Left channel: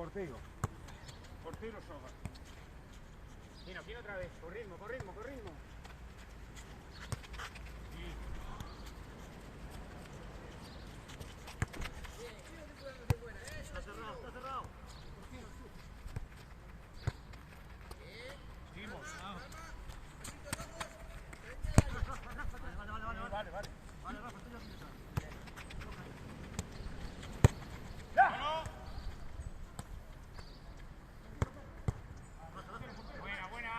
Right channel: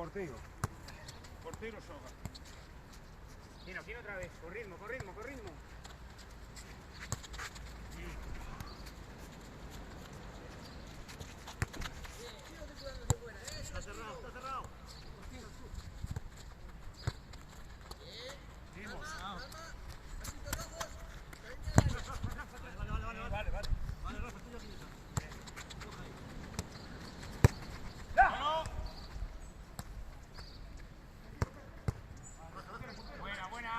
Portero. Portero Soga. Mira, aquí otra vez. Con ritmo, con ritmo, con ritmo. Está cerrado, está cerrado. Seguimos. Vale, vale. Vale, Rafa, estoy aquí. Buena, buena.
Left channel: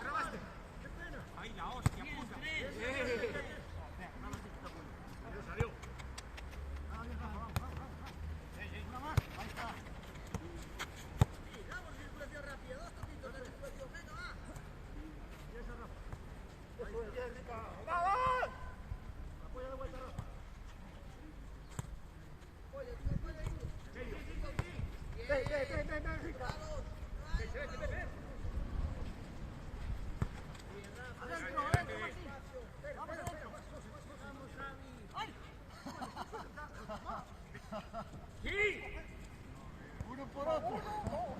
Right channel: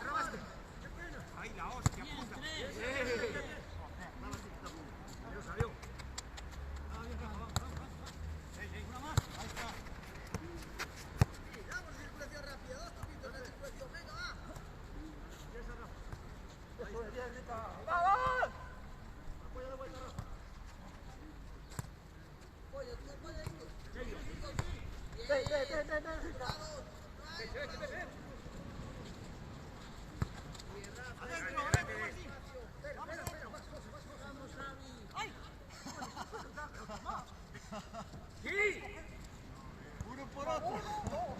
Trabaste. Ahí la hostia, puta. Salió. Damos circulación rápida, 2 toquitos de circulación, venga, va. Uno por otro.